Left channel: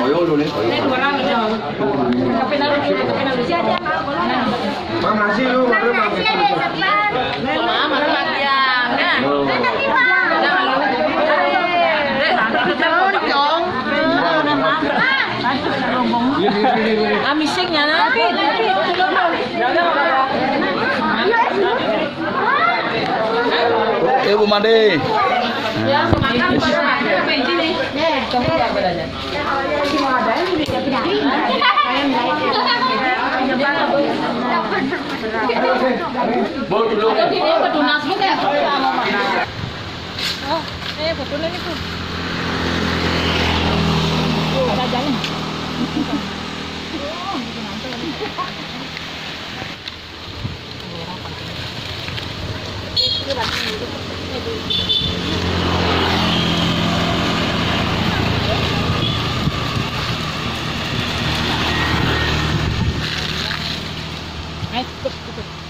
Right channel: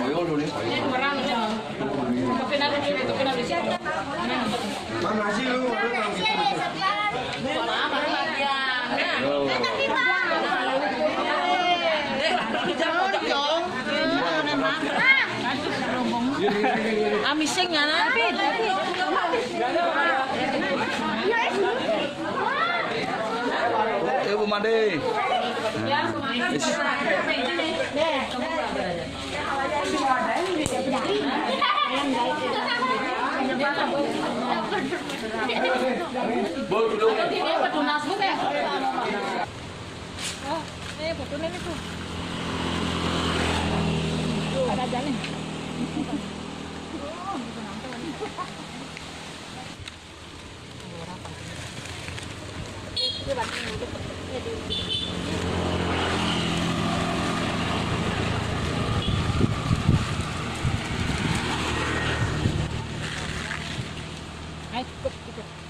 Koyo dulu nih, koyo. Mama sih lu, Amising nga na. Oke Bu Made. Bu dulu. Betul ini Bu. Ada jalan. Ayo, tutup.